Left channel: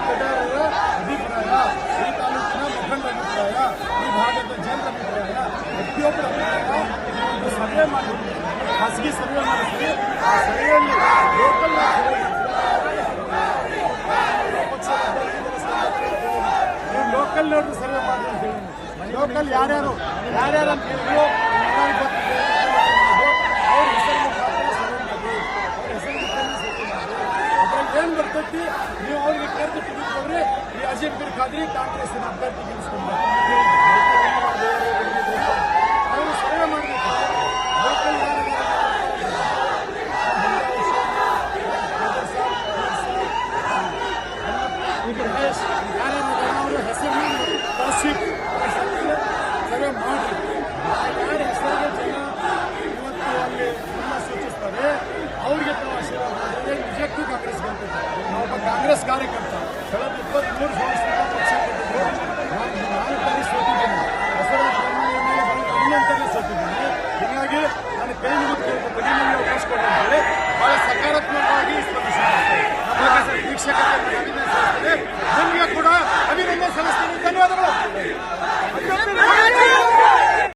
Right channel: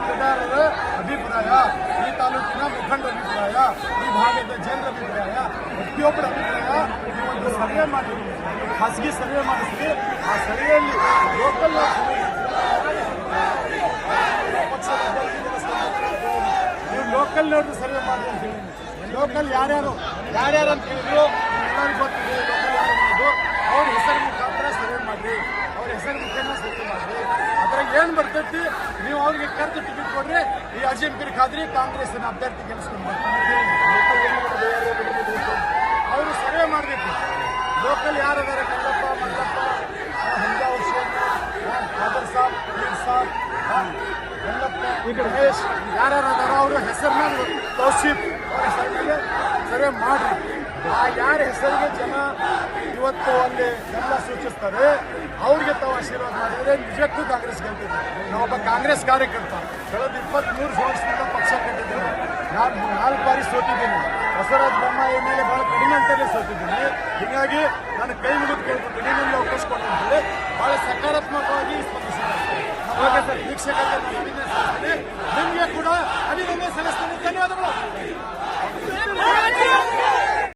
ಮತದಾರರ ಅಭಿಪ್ರಾಯ ಈ ತಾಲೂಕಿನ ಮುಖಂಡರ ಅಭಿಪ್ರಾಯ ಈ ಭಾಗದ ಜನರ ಅಭಿಪ್ರಾಯ ಪ್ರತಿಯೊಬ್ಬರ ಅಭಿಪ್ರಾಯ ಈ ಒಂದು ಸರ್ವೆ ಮಾಡಿದ್ವಿ ಖಾಸಗಿ ಸರ್ವೆ ಮಾಡಿದ್ವಿ ಆ ಸರ್ವೆಯಲ್ಲಿ ಲೋಕಲ್ ನೀವು ಲೋಕಲ್ ನೋಡ್ರಿ ಸರ್ವೆ ಮಾಡಿ ಅಂತ ಹೇಳಿ ಲೋಕಲ್ ಯಾರ್ಯಾರು ಯಾರ್ಯಾರು ಅಂತ ಹೇಳಿದ್ರು ಎಲ್ಲರಿಗೂ ಗೊತ್ತಿದೆ local ಯಾರು ಏನ್ ಬರ್ತೈತಿ? ನೀವು ಅವ್ರಿಗೆ ಕರೆದು ಟಿಕೆಟ್ ಕೊಡ್ರಿ. ಈ ಅಜೀಂ ಬಿರ್ ಖಾದ್ರಿ ಕಾಂಗ್ರೆಸ್ನ ಅಭ್ಯರ್ಥಿ ಗೆಲ್ಲಿಸ್ಕೊಂಡು ಅವರು ಸರ್ವೆ ಮಾಡಬೇಕು. ಲೋಕಲ್ ಯಾರು ರಮೇಶ್ ಯಾರ್ಯಾರು ಅವರ ಹೆಸರನ್ನ ಹೆಸರಿಗೆ ಸರ್ವೆ ಮಾಡಿ ಆ ಯಾರ ಹೆಸರಿಗೆ ಜನ? ಇವತ್ತು ಅಲ್ಲಿ ಎಲ್ಲ ಸೂಚಿಸ್ತಾರೆ ಅವ್ರಿಗೆ ತಾವು ಆಶೀರ್ವಾದ ಮಾಡಿದರೆ ನಿಜಕ್ಕೂ ಕಾಂಗ್ರೆಸ್ ಗೆಲ್ತೈತೆ ನಾವೊಬ್ಬ ಕಾಂಗ್ರೆಸ್ ಕಾರ್ಯಕರ್ತ. ಕಳೆದ ಇಪ್ಪತ್ಮೂರು ವರ್ಷದಿಂದ ಪಕ್ಷ ಕೊಟ್ಟಿದ್ರು ನಾನು ನಾಲ್ಕು ಬಾರಿ ಸೋತಿದ್ದೀನಿ. ಬಸವರಾಜ ಬೊಮ್ಮಾಯಿ ಮೇಲೆ ಬಹಳ ಕಡಿಮೆ ಅಂತಲೇ ಸೋತಿದ್ದೀನಿ. ಹೀಗಾಗಿ ನಾನು ಕೈ ಮುಗಿದು ಕೇಳ್ತೀನಿ ನಿಮ್ಮಲ್ಲಿ ಅವಕಾಶ ಅಂತೇಳಿ ಬಹಳ ಸಕಾರಾತ್ಮಕವಾಗಿ ಸ್ಪಂದಿಸಿದ್ದಾರೆ ನಮ್ಮ ವೀಕ್ಷಕರಿಗೆ ನಾನು ಅಭಿನಂದನೆ ನಿಮಗೆ ಕೂಡ ಅಭಿನಂದನೆ ಸಲ್ಲಿಸ್ತೀನಿ.